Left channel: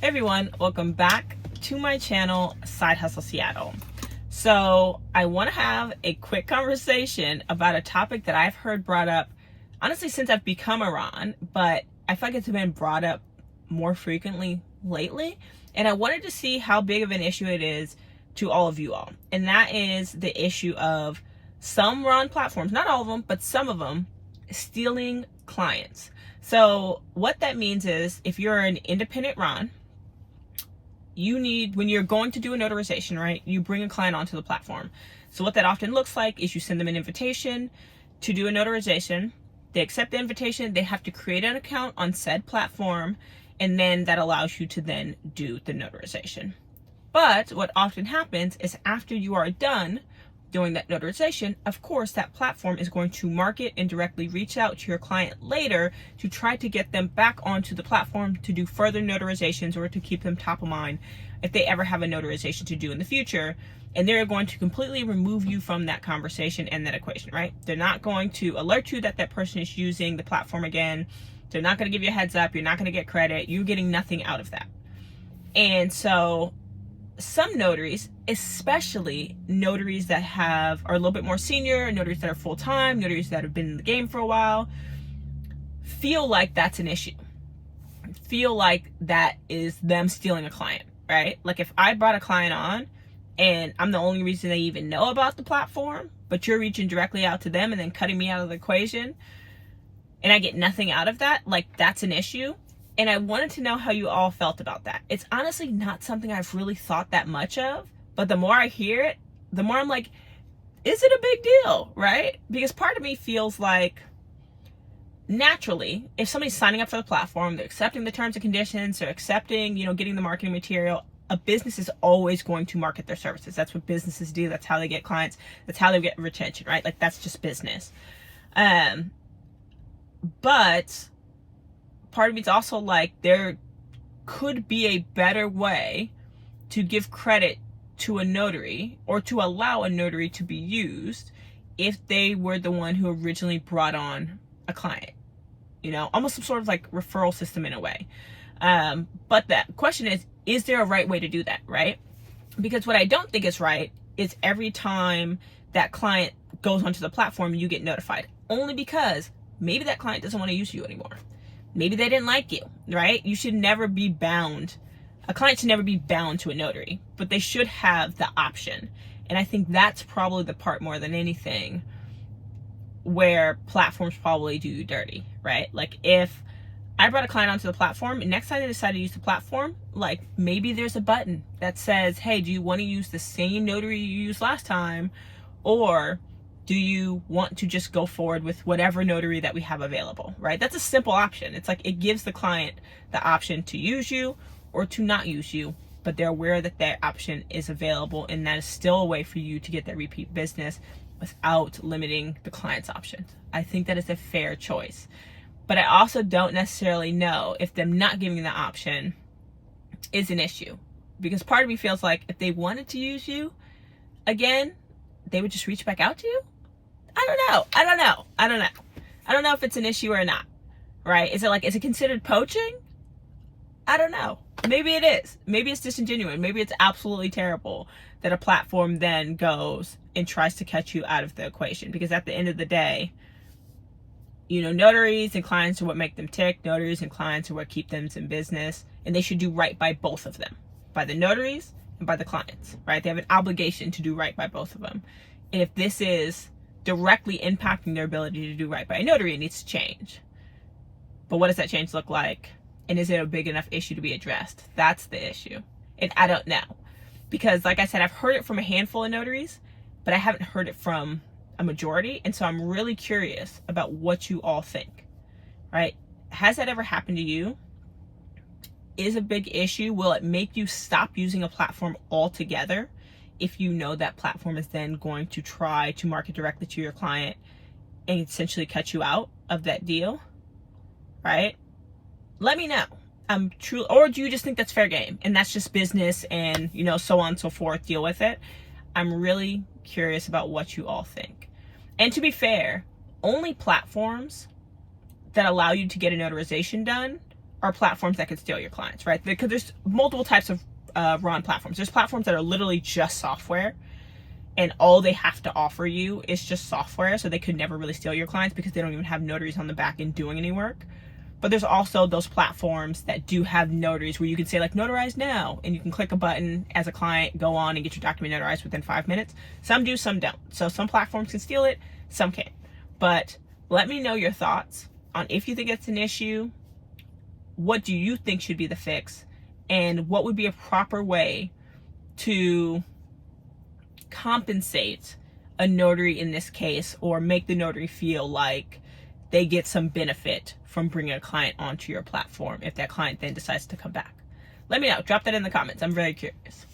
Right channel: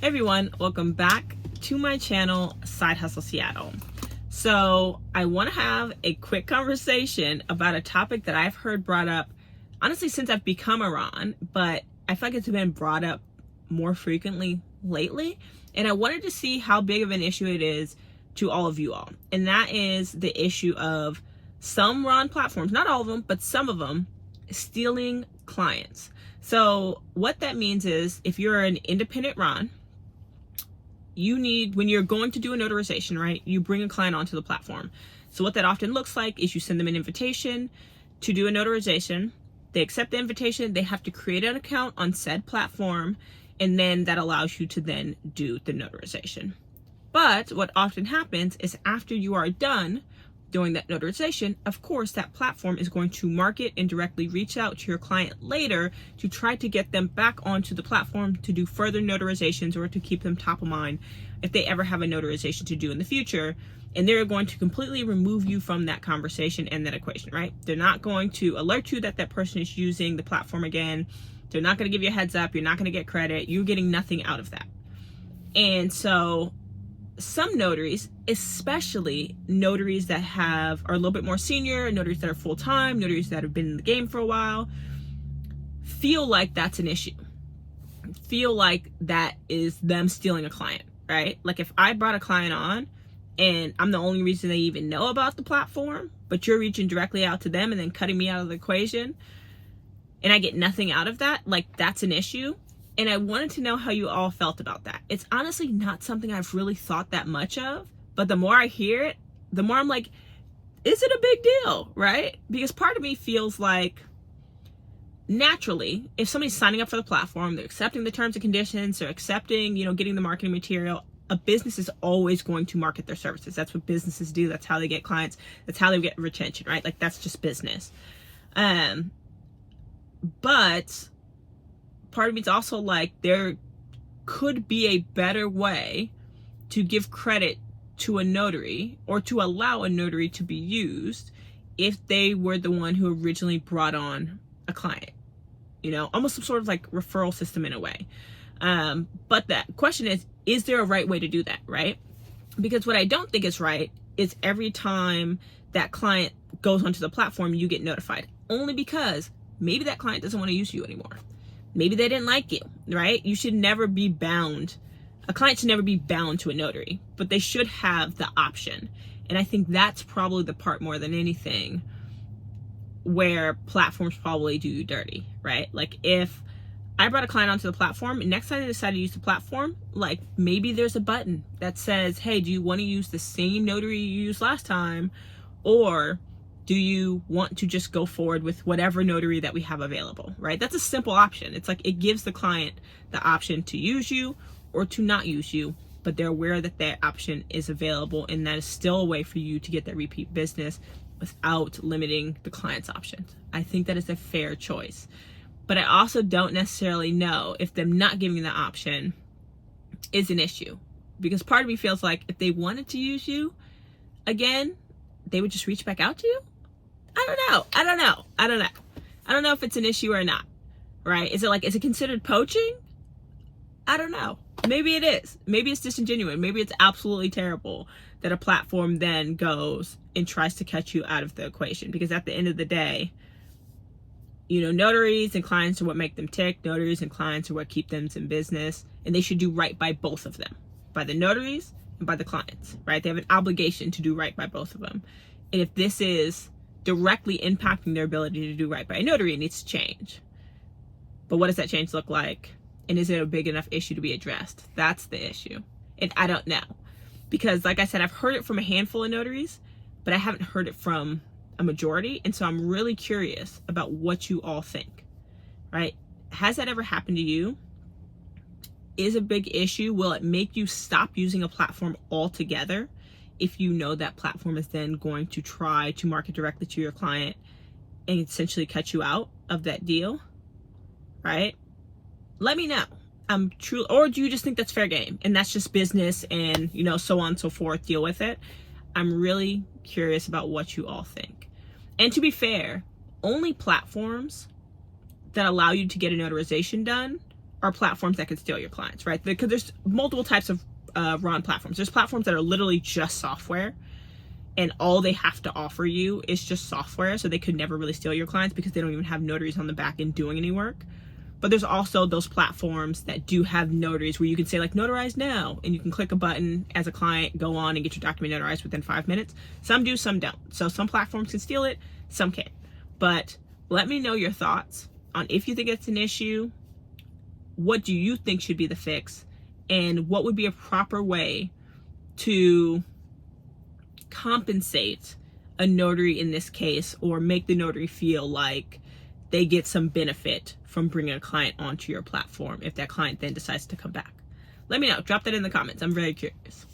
Hey everyone, welcome back to my channel, Side Hustle Seattle. So I want to have a quick conversation about a topic that I've heard brought up, honestly, since I've become a Ron, but I feel like it's been brought up more frequently lately. And I wanted to see how big of an issue it is to all of you all. And that is the issue of some Ron platforms, not all of them, but some of them, stealing clients. So what that means is if you're an independent Ron, you need, when you're going to do a notarization, right, you bring a client onto the platform. So what that often looks like is you send them an invitation to do a notarization. They accept the invitation. They have to create an account on said platform, and then that allows you to then do the notarization. But what often happens is after you are done doing that notarization, of course, that platform is going to market and directly reach out to your client later to try to get them back onto the platform to do further notarizations or to keep them top of mind if they ever have a notarization to do in the future. And they're going to completely remove you from that conversation and that equation, right? They're not going to alert you that that person is using the platform again. They're not going to give you a heads up. You're not going to get credit. You're getting nothing out of that. And so some notaries, especially notaries that are a little bit more senior, notaries that are full-time, notaries that have been in the game for a while, feel like that's an issue. Feel like that is them stealing a client, right? Like if I brought a client on and I'm the only reason they even know about the platform, but you're reaching directly out to them and then cutting me out of the equation, and I get nothing out of that, like that's an issue. And I wanted to know how you all felt about that. It's honestly not something I've really thought that much of, but the more I hear it, the more I'm like, is it a big deal, right? Because part of me feels like naturally, if somebody's signing up for the platform, they're accepting the terms and conditions, they're accepting, getting the marketing material, a business is always going to market their services. That's what businesses do. That's how they get clients. That's how they get retention, right? Like that's just business. But part of me is also like there could be a better way to give credit to a notary or to allow a notary to be used if they were the one who originally brought on a client, almost some sort of like referral system in a way. But the question is there a right way to do that, right? Because what I don't think is right is every time that client goes onto the platform, you get notified, only because maybe that client doesn't want to use you anymore. Maybe they didn't like you, right? You should never be bound. A client should never be bound to a notary, but they should have the option. And I think that's probably the part more than anything where platforms probably do you dirty, right? Like if I brought a client onto the platform and next time they decide to use the platform, like maybe there's a button that says, hey, do you want to use the same notary you used last time? Or do you want to just go forward with whatever notary that we have available, right? That's a simple option. It's like it gives the client the option to use you or to not use you, but they're aware that that option is available and that is still a way for you to get that repeat business without limiting the client's options. I think that is a fair choice. But I also don't necessarily know if them not giving the option is an issue, because part of me feels like if they wanted to use you again, they would just reach back out to you. I don't know if it's an issue or not, right? Is it considered poaching? I don't know. Maybe it is. Maybe it's disingenuous. Maybe it's absolutely terrible that a platform then goes and tries to cut you out of the equation, because at the end of the day, notaries and clients are what make them tick. Notaries and clients are what keep them in business, and they should do right by both of them, by the notaries and by the clients, right? They have an obligation to do right by both of them. And if this is directly impacting their ability to do right by a notary, it needs to change. But what does that change look like? And is it a big enough issue to be addressed? That's the issue. And I don't know. Because like I said, I've heard it from a handful of notaries, but I haven't heard it from a majority. And so I'm really curious about what you all think, right? Has that ever happened to you? Is a big issue? Will it make you stop using a platform altogether if you know that platform is then going to try to market directly to your client and essentially cut you out of that deal, right? Let me know. Or do you just think that's fair game and that's just business and, so on and so forth, deal with it? I'm really curious about what you all think. And to be fair, only platforms that allow you to get a notarization done are platforms that could steal your clients, right? Because there's multiple types of RON platforms. There's platforms that are literally just software, and all they have to offer you is just software, so they could never really steal your clients because they don't even have notaries on the back end doing any work. But there's also those platforms that do have notaries where you can say like notarize now, and you can click a button as a client, go on and get your document notarized within 5 minutes. Some do, some don't. So some platforms can steal it, some can't. But let me know your thoughts on if you think it's an issue, what do you think should be the fix, and what would be a proper way to compensate a notary in this case, or make the notary feel like they get some benefit from bringing a client onto your platform if that client then decides to come back. Let me know. Drop that in the comments. I'm very curious.